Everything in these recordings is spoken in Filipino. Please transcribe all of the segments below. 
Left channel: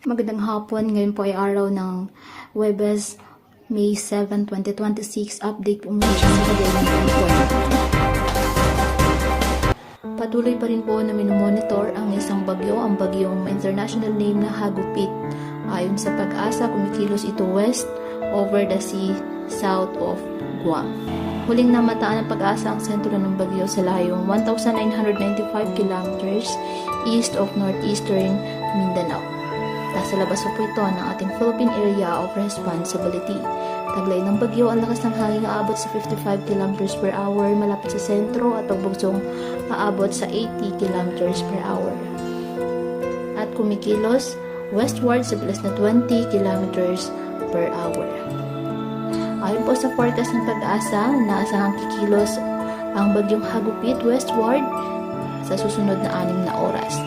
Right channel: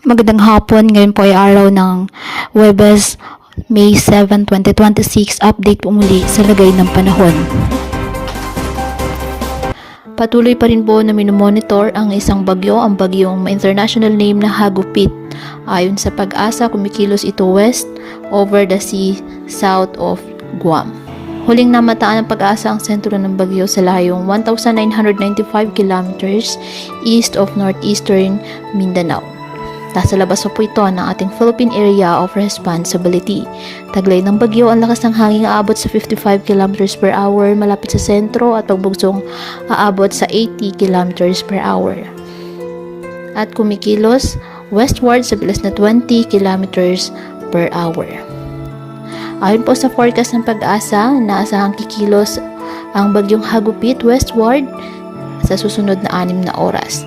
Magandang hapon, ngayon po ay araw ng Huwebes, May 7, 2026. Update po muli sa lagay ng panahon. Patuloy pa rin po na minomonitor ang isang bagyo, ang bagyong international name na Hagupit. Ayon sa Pag-asa, kumikilos ito west over the sea south of Guam. Huling namataan ng Pag-asa ang sentro ng bagyo sa layong 1,995 kilometers east of northeastern Mindanao. Nasa labas po ito ng ating Philippine Area of Responsibility. Taglay ng bagyo, ang lakas ng hangin aabot sa 55 km per hour malapit sa sentro at pagbugsong aabot sa 80 km per hour. At kumikilos westward sa bilis na 20 km per hour. Ayon po sa forecast ng Pag-asa, naasahang kikilos ang bagyong Hagupit westward sa susunod na 6 na oras.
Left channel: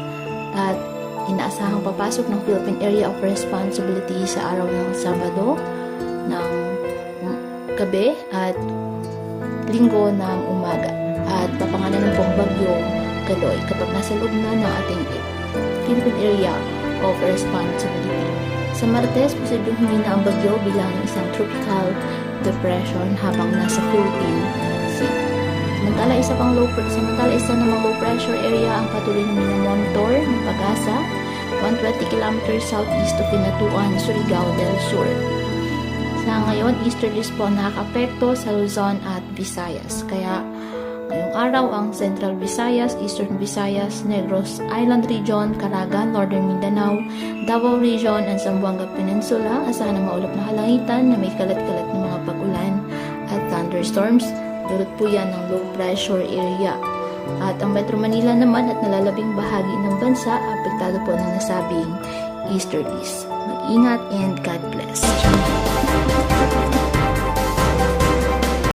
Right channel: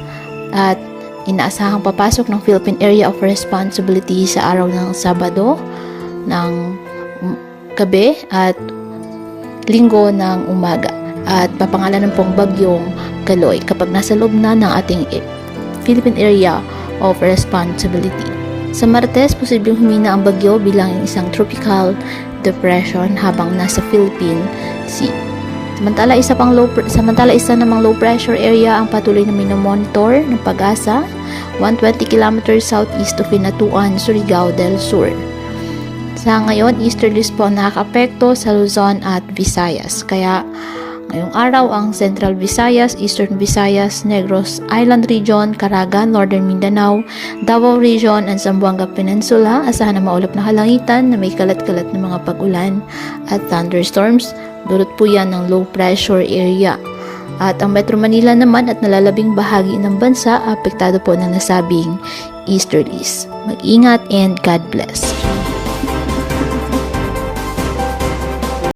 At inaasahang papasok ng Philippine Area of Responsibility sa araw ng Sabado ng gabi at Linggo ng umaga. At papangalanan pong bagyong Kaloy kapag nasa loob na ng ating Philippine Area of Responsibility. Sa Martes, posibleng humina ang bagyo bilang isang tropical depression habang nasa Philippine Sea. Samantala isa namang low pressure area ang patuloy na minomonitor ng Pag-asa 120 km southeast of Hinatuan, Surigao del Sur. Sa ngayon, easterlies po ang nakaka-apekto sa Luzon at Visayas. Kaya ngayong araw ang Central Visayas, Eastern Visayas, Negros Island Region, Caraga, Northern Mindanao, Davao Region, and Zamboanga Peninsula asahan na maulap na kalangitan na may kalat-kalat na mga pag-ulan at thunderstorms. Dulot po yan ng low pressure area. At ang Metro Manila naman at nalalabing bahagi ng bansa, apektado po ng nasabing easterlies. Mag-ingat and God bless.